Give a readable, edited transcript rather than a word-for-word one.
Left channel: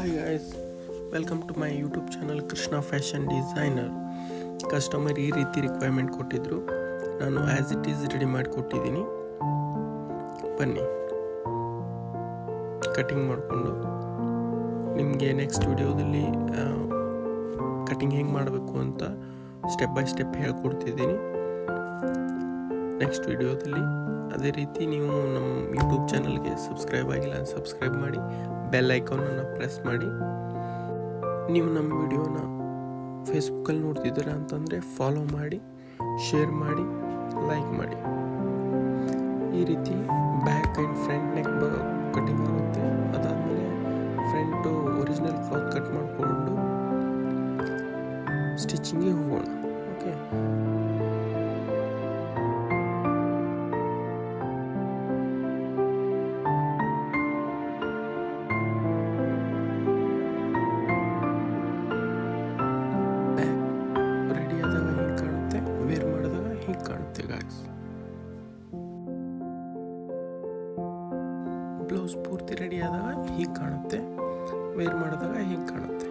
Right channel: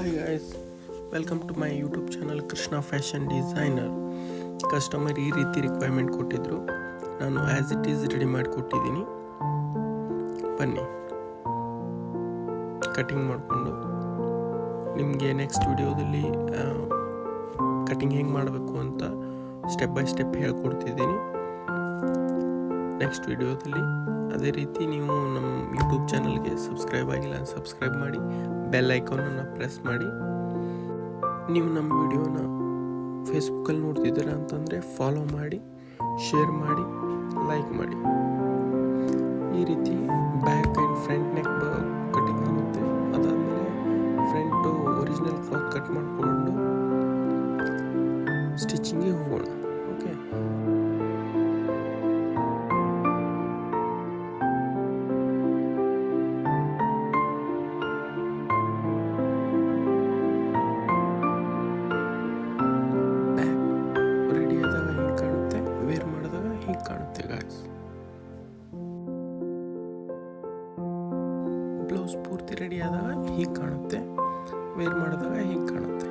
Hi guys, welcome to my YouTube channel Krishna fashion designer. Customer ಈ ರೀತಿ requirement ಕೊಟ್ಟಿದ್ದರು, ನಾನು ಆ್ಯಸ್ ಇಟ್ ಈಸ್ ರೆಡಿ ಮಾಡಿ ಕೊಟ್ಟಿದ್ದೀನಿ. ಬನ್ನಿ ಕಟಿಂಗ್ ಮಾಡಿಕೊಂಡು ನಿಮಗೆ ನೆಕ್ಸ್ಟ್ ವಿಡಿಯೋದಲ್ಲಿ ಕಟಿಂಗ್ ಹೆಂಗೆ ಮಾಡಬೇಕು ಅಂತ ಸ್ಟೆಪ್ ಬೈ ಸ್ಟೆಪ್ ಹೇಳ್ಕೊಡ್ತಿದ್ದೀನಿ ನೆಕ್ಸ್ಟ್ ವಿಡಿಯೋದಲ್ಲಿ. ಅದೇ ರೀತಿ ನೀವು ನಮ್ಮ ಯೂಟ್ಯೂಬ್ ಚಾನಲ್ಗೆ ಸಬ್ಸ್ಕ್ರೈಬ್ ಆಗಿಲ್ಲ ಸಬ್ಸ್ಕ್ರೈಬ್ ಮಾಡಿ, ಬೆಲ್ ಐಕಾನನ್ನು ಪ್ರೆಸ್ ಮಾಡಿ. ನೀವು ನಮ್ಮ ವಿಡಿಯೋನ ಫೇಸ್ಬುಕ್ಕಲ್ಲಿ ನೋಡ್ತಿದ್ದೀರಾ ಅಂತಂದರೆ ಫಾಲೋ ಮಾಡಿ, ಶೇರ್ ಮಾಡಿ, ಲೈಕ್ ಮಾಡಿ. ಈ ರೀತಿ back and front neck cutting ಆಗುತ್ತೆ. ಅದಾದಮೇಲೆ ಫ್ರಂಟು ಒರಿಜಿನಲ್ ಕ್ಲಾತ್ ಕಟ್ ಮಾಡಿಕೊಂಡು ಸ್ಟಿಚಿಂಗಿಗೆ ಹೋಗೋಣ. ಓಕೆ, ರೆಡಿ ಆದಾಗ ಹೀಗೆ ಕಾಣುತ್ತೆ, ವೇರ್ ಮಾಡಿದಾಗ ಹೀಗೆ ಕಾಣುತ್ತೆ ಗಾಯ್ಸ್. ಬ್ಲೌಸ್ ಪೂರ್ತಿ ರೆಡಿ ಆದಾಗ ಹೀಗೆ ಕಾಣುತ್ತೆ, ವೇರ್ ಮಾಡಿದಾಗ ಹೀಗೆ ಕಾಣುತ್ತೆ.